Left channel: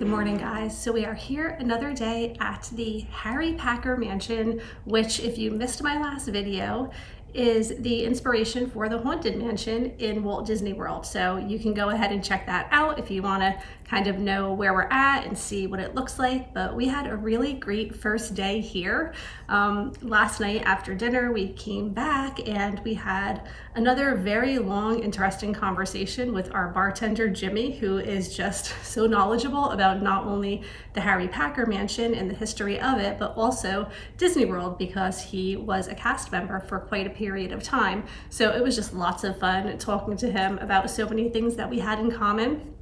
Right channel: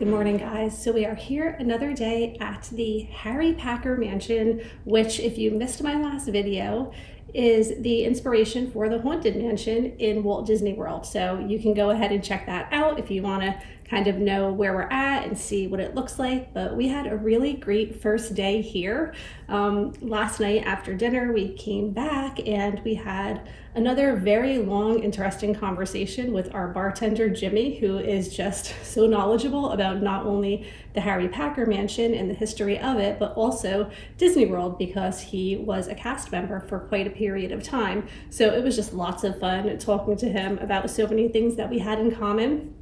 Good morning, guys. So we are here another day at the Harry Packer Mansion, which, if you missed my last video, is the inspiration for the Haunted Mansion in Walt Disney World. So you can go ahead and check that out if you want to kind of know where we're at and see what it looks like. But we had a really great first day here. Last night after dinner, we came back and we had another very long, interesting conversation with our bartender, Jimmy, who is just so knowledgeable about not only the Harry Packer Mansion and the history of it, but also Disney World, because he was a cast member for quite a period of time. So it was just lots of fun talking to him about so many things that we had in common.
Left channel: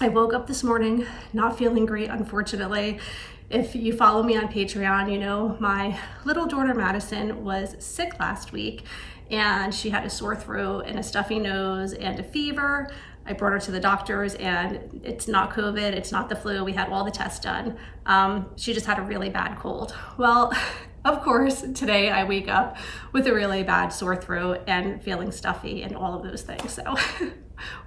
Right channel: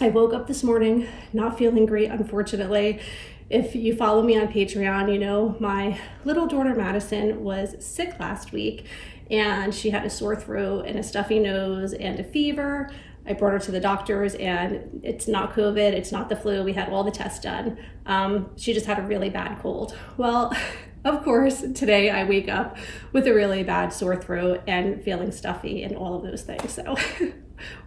I woke up this morning not feeling great, unfortunately. If you follow me on Patreon, you know my little daughter Madison was sick last week and she had a sore throat and a stuffy nose and a fever. I brought her to the doctors and it's not COVID, it's not the flu. We had all the tests done. She just had a really bad cold. Well, of course, today I wake up with a really bad sore throat and feeling stuffy and all of those things. So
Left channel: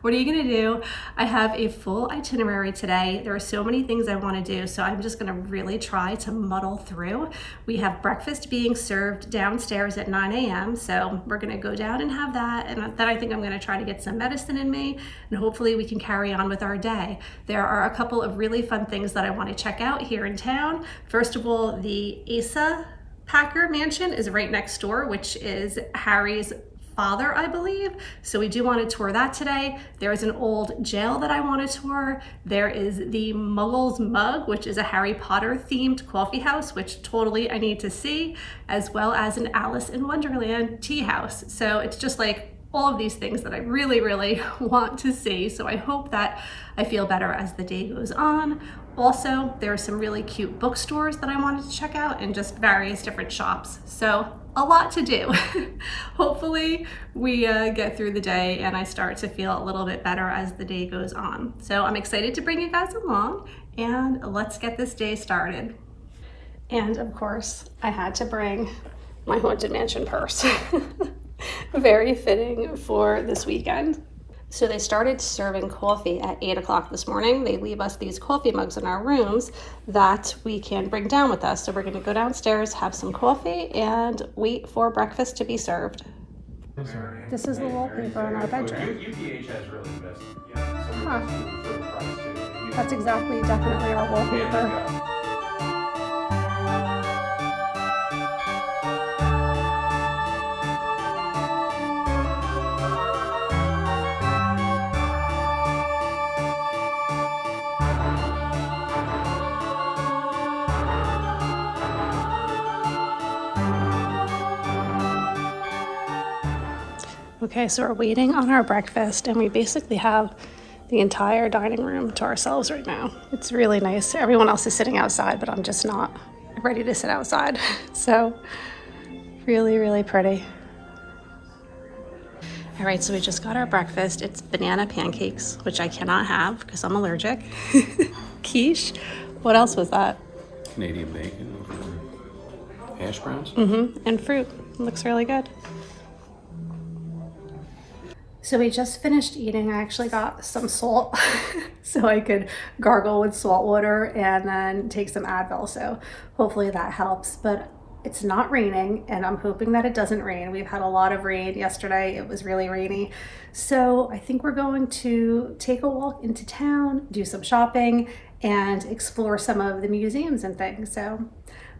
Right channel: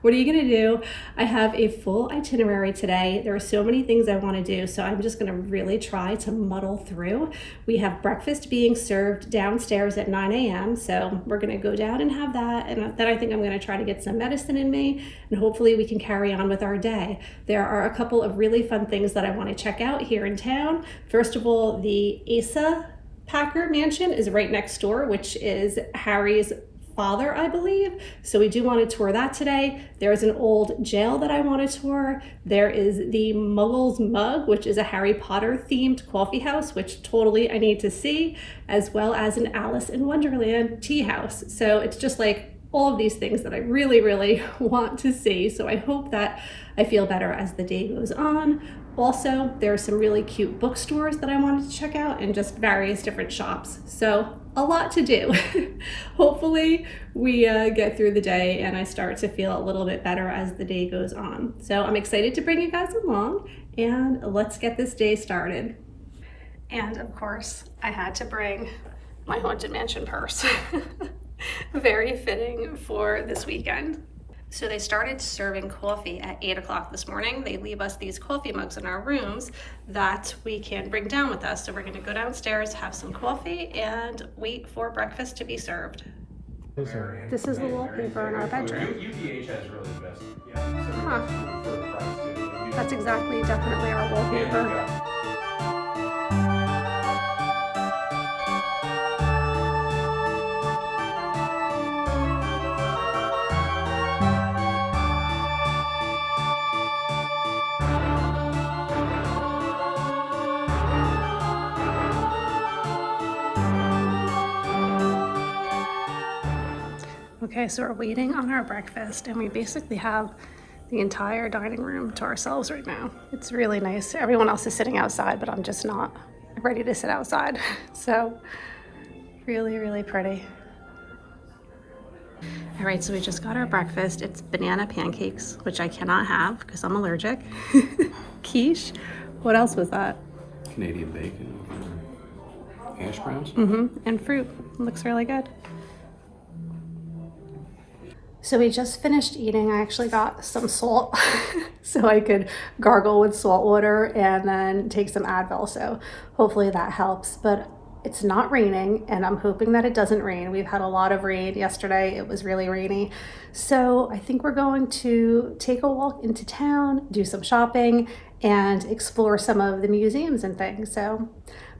what are you gonna do? I have a full itinerary today. There are so many things I wanna do, so I'm just gonna really try to muddle through. We have breakfast being served downstairs at 9 a.m. So we're gonna go down and have that. And then I think I'm gonna try to get some medicine in me and hopefully we can carry on with our day. There are a couple of really fun things that I wanna check out here in town. First of all, the Asa Packer Mansion is right next door, which is Harry's father, I believe. So we do want to tour that today. There is an old jail that I want to tour. There is the Muggles Mug, which is a Harry Potter themed coffee house, which totally I need to see, as well as an Alice in Wonderland tea house. So it's just like all of these things that I really, really want to see. So I hope that I feel better as the day goes on. Also, there are some really cute bookstores that I wanted to check out and just various different shops. So a lot to do. Hopefully we get through the day and I start to feel a little bit better as the day goes on. So I'm excited to bring you guys along and let's get this day started. And of course, I had to bring my Haunted Mansion purse. Very fitting for this weekend. So they started serving coffee at 8 o'clock this morning. They leave us these coffee mugs in our rooms that we can bring down with us. So we're gonna go downstairs, have some coffee, and wait for breakfast to be served. This is the wallpaper in our bedroom. UPH has really the best. Yeah. So Huh. for the price too. That's exactly, definitely our wallpaper. Yeah. Okay, so we're waiting on our breakfast and we basically have the entire dining room to ourselves right now. It's really nice. Everyone else is sitting outside, but I'm just not ready to sit outside. So really, really pretty. All right, so we just got our breakfast. It's banana pancakes, which I cannot have because I'm allergic. Quiche. What else was that? Canadian bacon, hash browns. And fruit. Looks really good. So we just finished eating. I actually got some salt so I could gargle with salt water and then take some Advil. So hopefully that helps, but it's not raining and I'm hoping that it doesn't rain. We've had a lot of rain yesterday. It was really rainy. So I think we're going to take a walk into town, do some shopping and explore some of the museums and things. So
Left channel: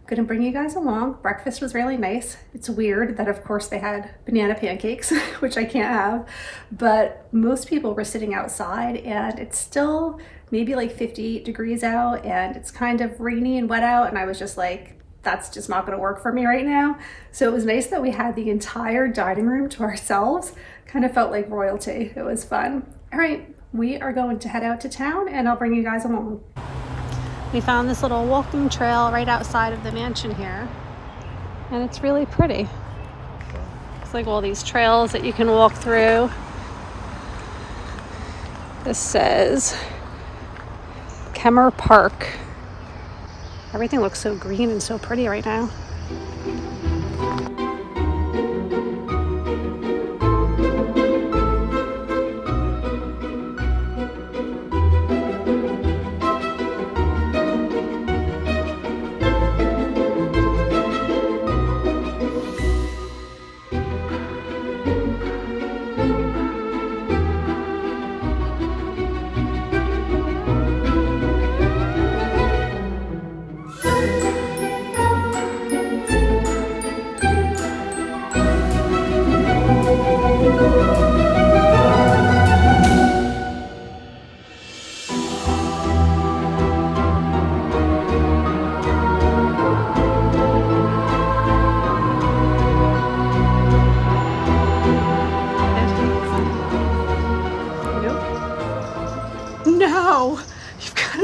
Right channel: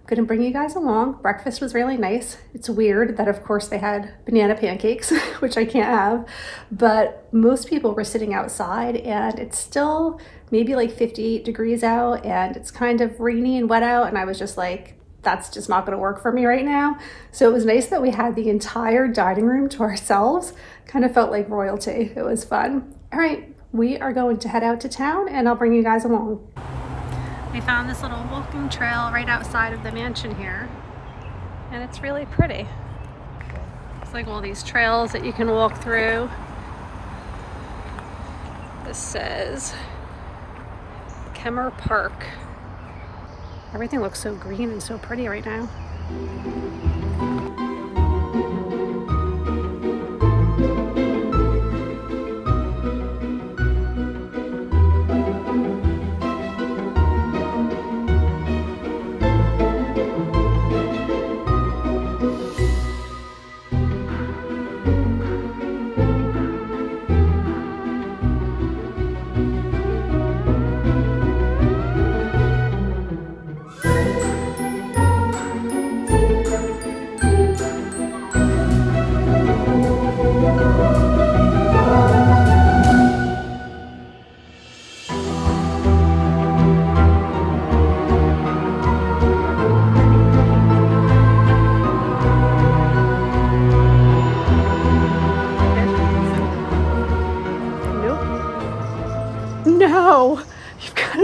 I'm gonna bring you guys along. Breakfast was really nice. It's weird that of course they had banana pancakes, which I can't have, but most people were sitting outside and it's still maybe like 58 degrees out and it's kind of rainy and wet out. And I was just like, that's just not gonna work for me right now. So it was nice that we had the entire dining room to ourselves. Kind of felt like royalty. It was fun. All right, we are going to head out to town and I'll bring you guys along. We found this little walking trail right outside of the mansion here, and it's really pretty. It's like all these trails that you can walk through. This says Kemmer Park. Everything looks so green and so pretty right now.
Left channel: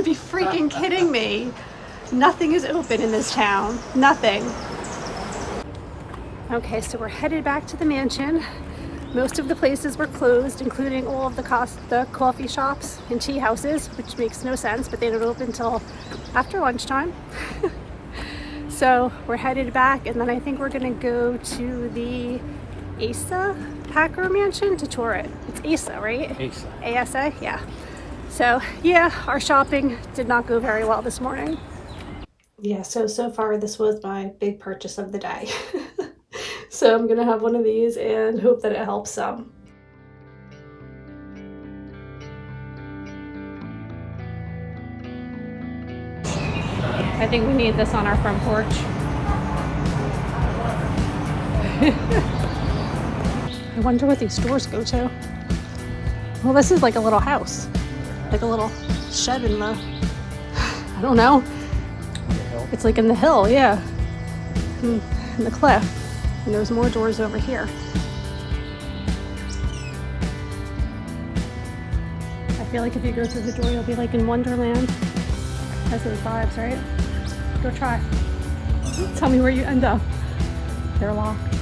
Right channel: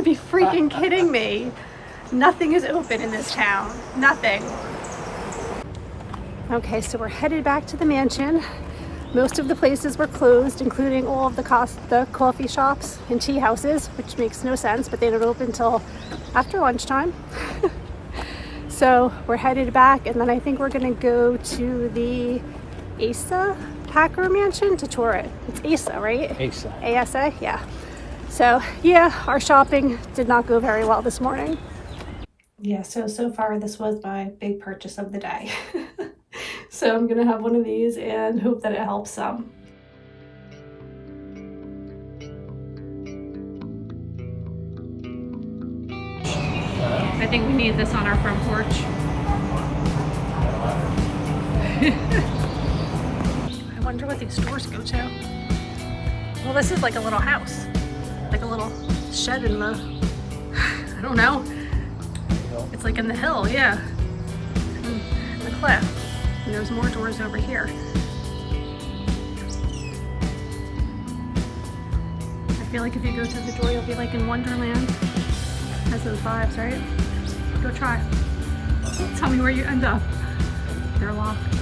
be freaking kidding me. Nothing is open in this town. Nothing. Okay, so we're headed back to the mansion. Most of the places were closed, including all of the coffee shops and tea houses, which makes no sense, but they don't open until after lunchtime. So we're headed back, and then I think we're gonna go to the Asa Packer mansion to tour it. It's Asa, right? Asa. ASA, yeah. So yeah, our shopping did not go very well this morning. Yeah, so far this was my big purchase of the day. So I'm gonna have one of these and hope that it helps some. I think we need this on our front porch. I wonder what these stores go to. Well, this is like a little house, like a little shed in the, I don't know. It's like in the hill, yeah, in the cliff. And there's more doors over here. I feel like if you go through the door, you'll be like in Wonderland. Has those vibes, right? Go try. Tell me where you end up. They're locked.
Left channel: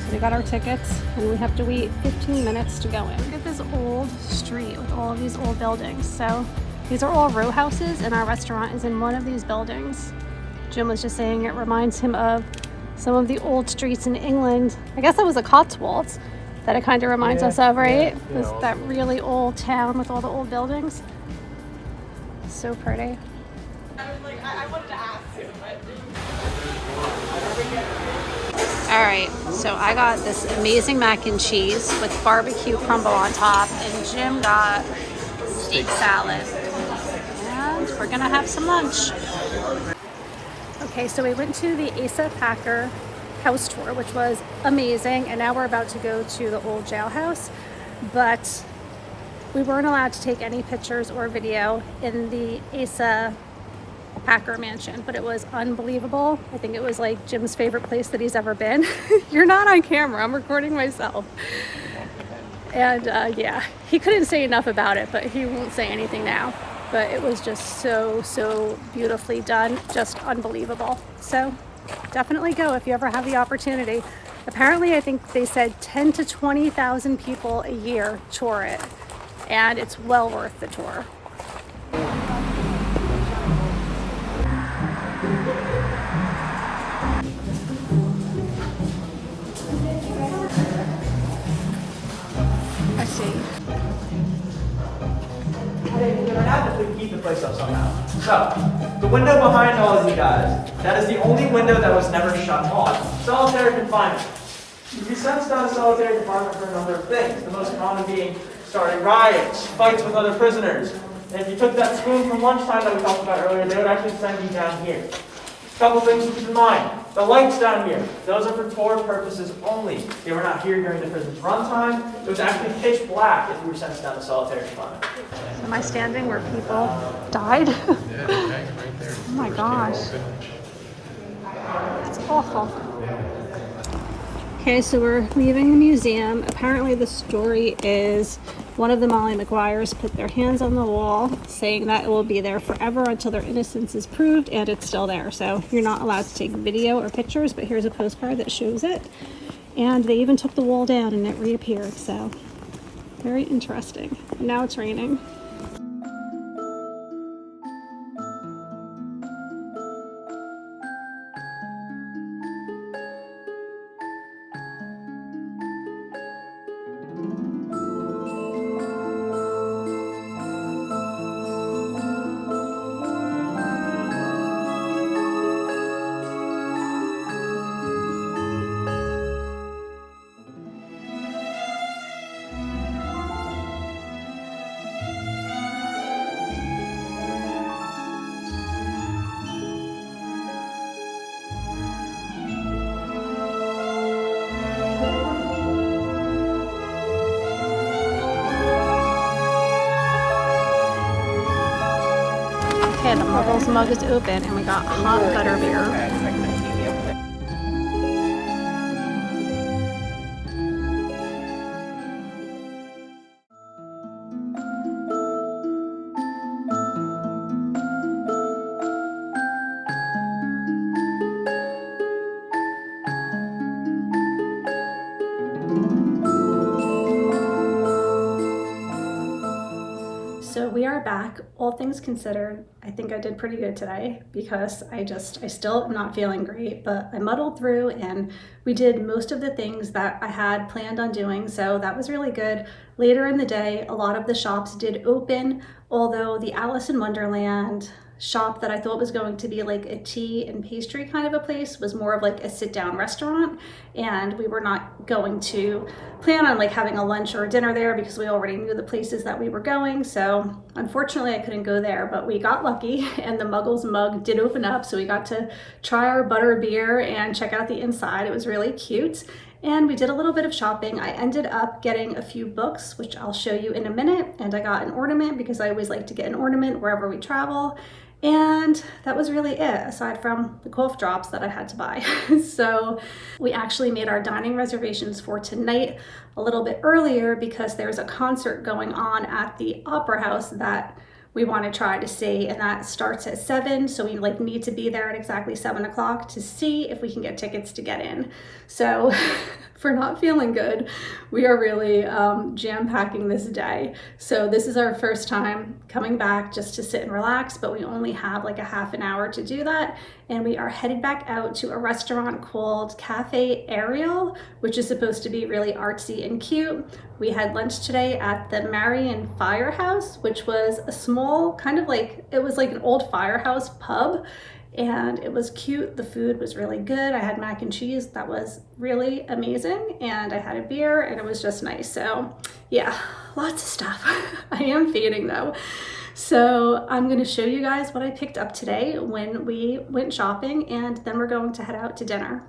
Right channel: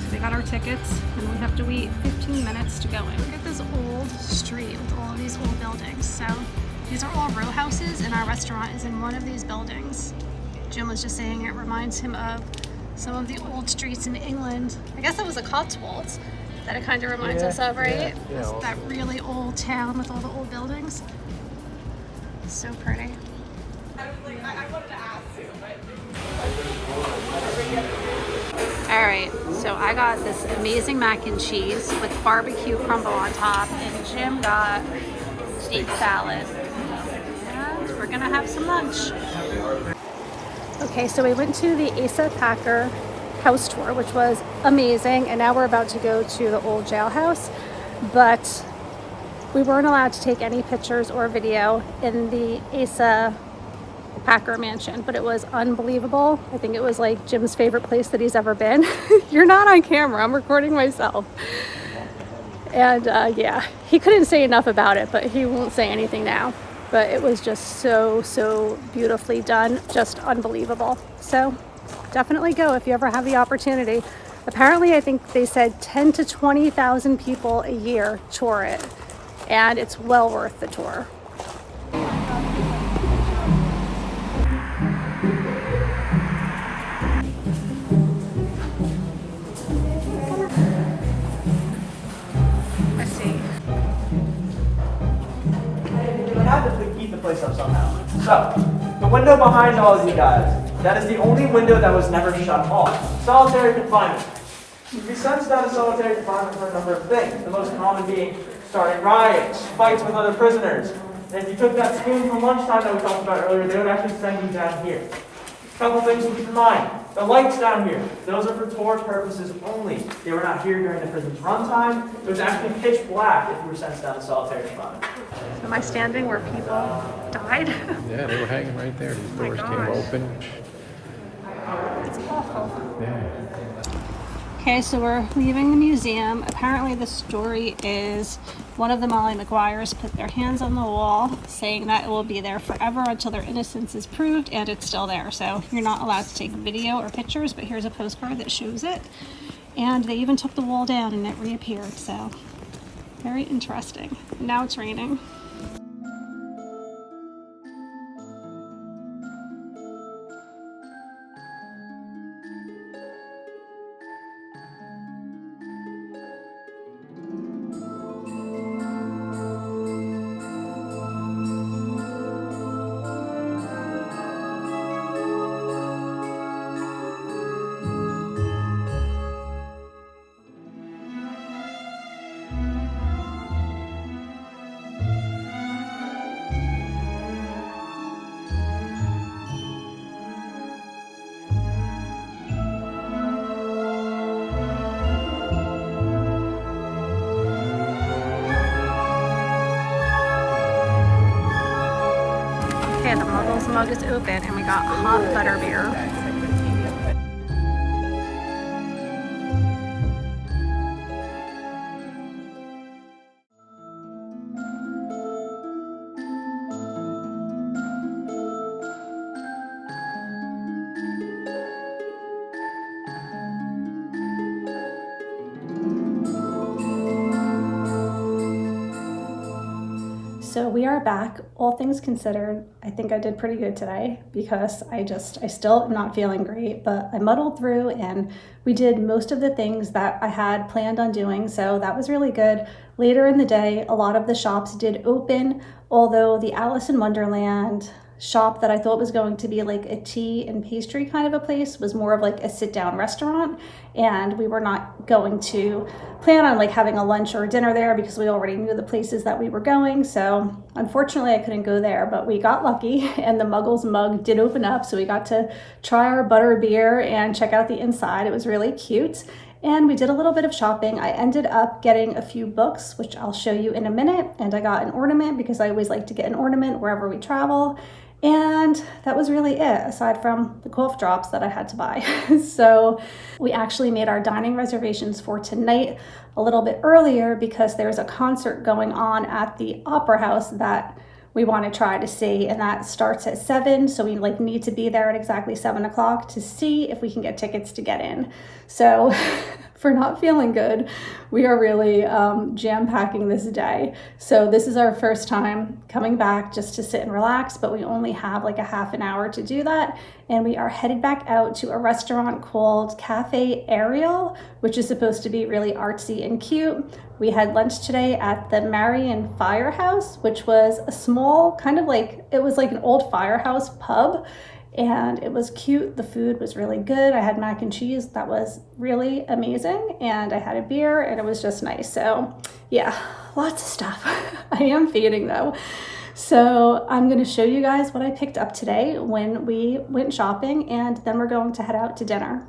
So we got our tickets and we have to wait 15 minutes to go in. Look at this old street with all of these old buildings. So these are all row houses and our restaurant is in one of these buildings. Jim was just saying it reminds him of some of the old streets in England. I guess that was the Cotswolds that it kind of reminds us of, right? That really old town with all the old buildings. So pretty. All right, so I got this amazing mac and cheese with barbecue crumble on top, and Jim got steak salad. And we're gonna have some lunch. Okay, so we went to the Asa Packer house tour, which was amazing, and now we're about to go to the old jailhouse, but we weren't allowed to take any pictures or video in the Asa Packer mansion, but it was unbelievable. I think it was like Jim's favorite place that he's ever been. You're not on camera, I'm recording myself. And yeah, he couldn't say enough about it, but he won't say anything now. But it was just so beautifully done, just unbelievable. So definitely go if you ever have the opportunity. Apparently, I think they said 10 to 20,000 people a year tour it, and it's well worth the tour. Let's see. We're not to keep the place up somehow. So, the window behind all of you guys, that is the only window that was never shut off. Solitary confinement. You sense down solitary confinement for a number of things. The most common being starting riots, fights with other prisoners. And if you took that spoon from lunchtime that we talked about earlier, they would actually send you down here. A couple things to keep in mind. The lights down here, those are for tour purposes only. They were not here during the prison's runtime. It was actually pitch black if you were sentenced down to solitary confinement. Am I standing where people died? Yeah, they're hanging right there. Oh my gosh. It's awful. Okay, so we're leaving the museum. Apparently the story is one of the Molly McGuires put their hands on the wall saying that it will be there forever until their innocence is proved, and it's still there. So you're not allowed to take video or pictures, but here's a postcard that shows it. And they even took the wall down and it reappeared, so very interesting. Now it's raining. Okay, the Muggles mug is open and we got hot butter beer. we are back. All things considered, I think I did pretty good today because I still am not feeling great, but I muddled through and we did most of the things that I had planned on doing. So that was really good. Later in the day, a lot of the shops did open, although the Alice in Wonderland shop that I thought was going to be like a tea and pastry kind of a place was more of like a sit down restaurant, and we were not going to plan on like having a lunch or a dinner there because we already knew the places that we were going. So unfortunately I couldn't go there, but we got lucky and the Muggles mug did open up, so we got to try our butter beer and check out the inside. It was really cute. And we did a little bit of shopping. I ended up getting a few books, which I'll show you in a minute. And I got an ornament because I always like to get an ornament wherever we travel. And that was really it, aside from the cough drops that I had to buy. So we actually made our dining reservations for tonight a little bit earlier because there's a concert going on at the Opera House that we want to try to see, and that starts at 7, so we like need to be there at exactly 7 o'clock to see if we can get tickets to get in. So for not feeling good, we are really jam-packing this day. So this is our first time coming back just to sit and relax, but we only have like a half an hour to do that, and we are headed back out to a restaurant called Cafe Ariel, which is supposed to be really artsy and cute. We had lunch today at the Marion Firehouse, which was a small kind of like, it was like an old firehouse pub, and it was cute. The food was really good. I had mac and cheese that was really amazing, and I had a beer, and it was just nice. So yeah, lots of stuff. I am fading though. So I'm going to show you guys what I picked up today when we went shopping, and then we're going to head out to dinner.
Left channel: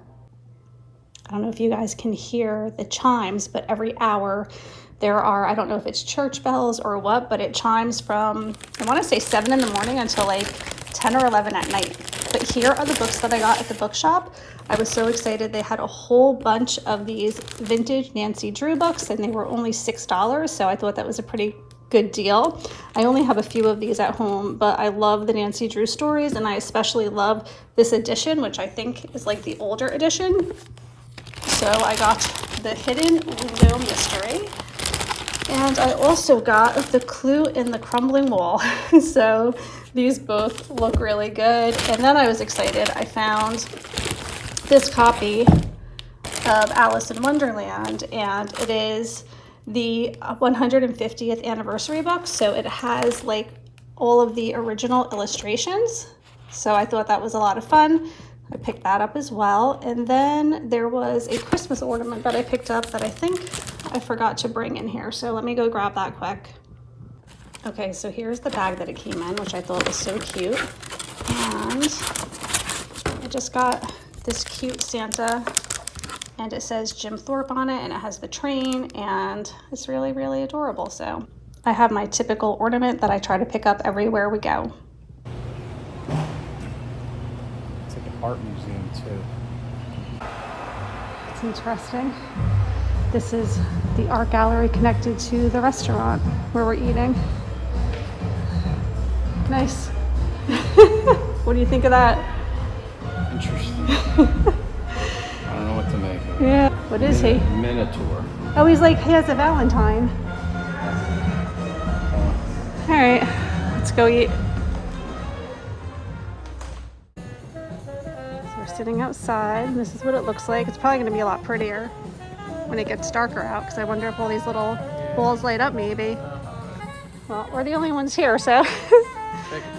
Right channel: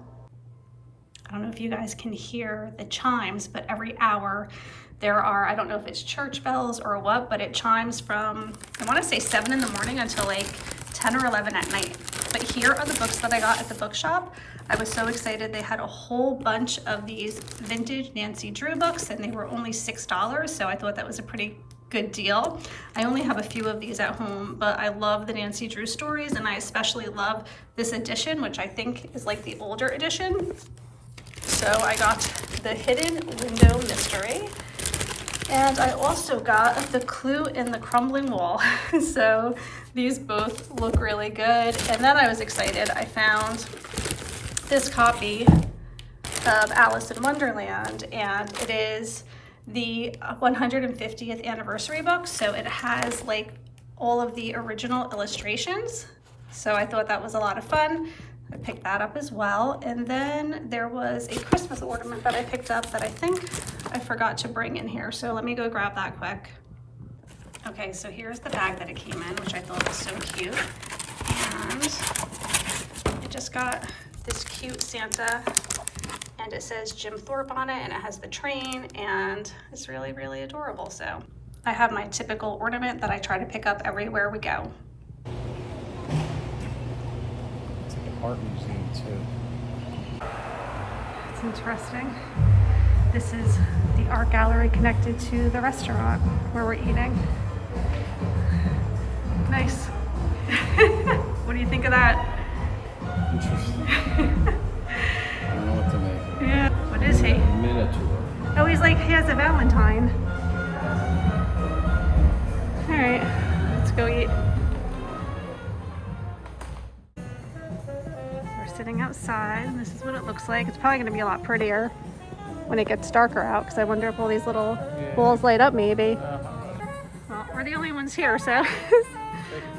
I don't know if you guys can hear the chimes, but every hour there are, I don't know if it's church bells or what, but it chimes from, I want to say 7 in the morning until like 10 or 11 at night. But here are the books that I got at the bookshop. I was so excited. They had a whole bunch of these vintage Nancy Drew books, and they were only $6, so I thought that was a pretty good deal. I only have a few of these at home, but I love the Nancy Drew stories, and I especially love this edition, which I think is like the older edition. So I got the Hidden Window Mystery, and I also got The Clue in the Crumbling Wall. So these both look really good. And then I was excited. I found this copy of Alice in Wonderland, and it is the 150th anniversary book. So it has like all of the original illustrations. So I thought that was a lot of fun. I picked that up as well. And then there was a Christmas ornament that I picked up that I think I forgot to bring in here. So let me go grab that quick. Okay, so here's the bag that it came in, which I thought was so cute. And I just got this cute Santa, and it says Jim Thorpe on it, and it has the train, and it's really, really adorable. So I have my typical ornament that I try to pick up everywhere we go. Art museum too. It's interesting. This is the art gallery connected to the restaurant where we're eating. Nice. What do you think of that? Interesting. I don't know what to make of it. Yeah. What is he? Minotaur. Oh, he's like, he has a Valentine. All right, let's go eat. Sitting outside, and this is what it looks like. It's probably going to be a lot prettier when it gets darker out, because I wonder if all these little balls light up maybe. Well, we're the only ones here, so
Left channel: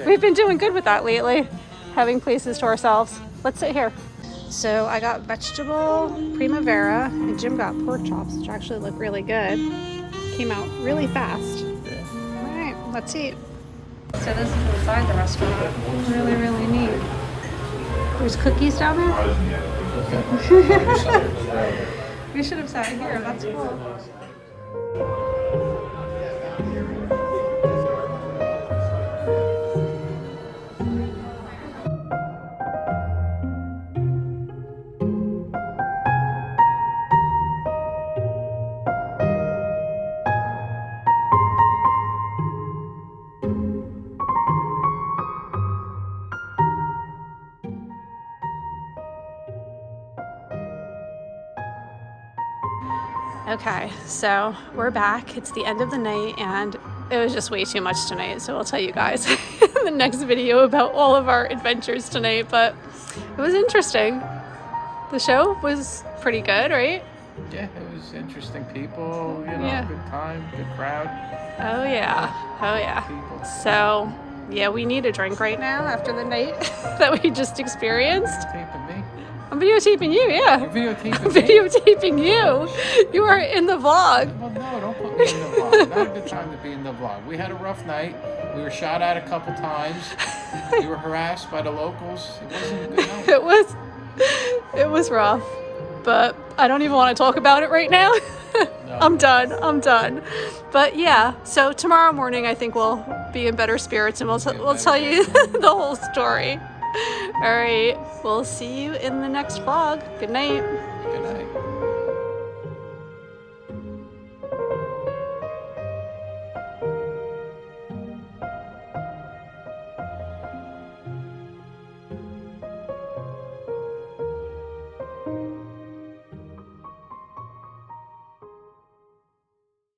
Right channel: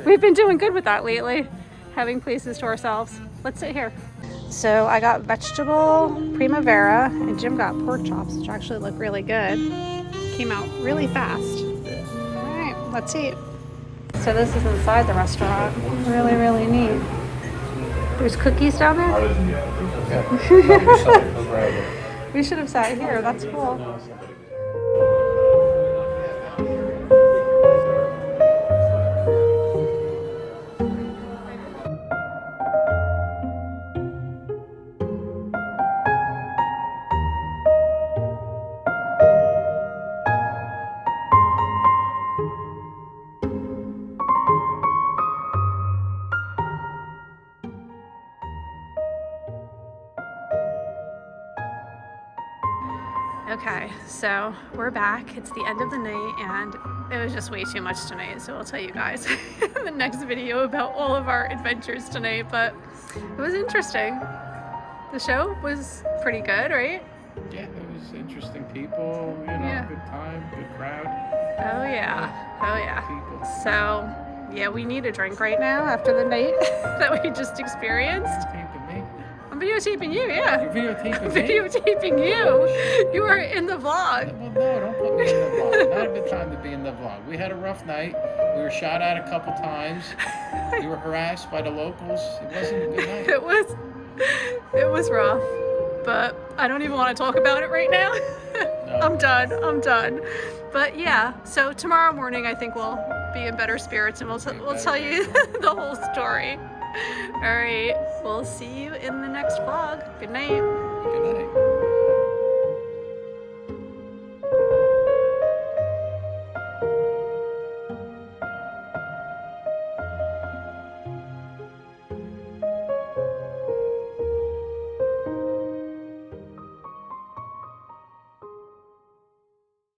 we've been doing good with that lately, having places to ourselves. Let's sit here. So I got vegetable primavera, and Jim got pork chops, which actually look really good. Came out really fast. Yeah. All right, let's eat. So this is inside the restaurant. Really, really neat. There's cookies down there? We should have sat here. That's cool. Okay, so we're back. It's the end of the night and it was just way too much tonight. So I'll tell you guys in the next video about all of our adventures tonight, but it was interesting. The show was pretty good, right? Yeah, it was interesting people, you know, Yeah. good time, good crowd. Oh yeah, oh yeah. People. So yeah, we need a drink right now after the night that we just experienced. Videotaping me. I'm videotaping you, yeah. You're videotaping I'm me? videotaping you. You are in the vlog. Well, no, don't put me in the vlog. Not a good time to be in the vlog. We had a rough night. We were shot at a couple times. We were harassed by the locals. It wasn't a good night. It was rough, but I don't even want to talk about it right now. No. I'm done. But yeah, so tomorrow morning I think we'll be in better spirits and we'll tell you the whole story. All right, we'll see you in the next vlog. Good night. Good night.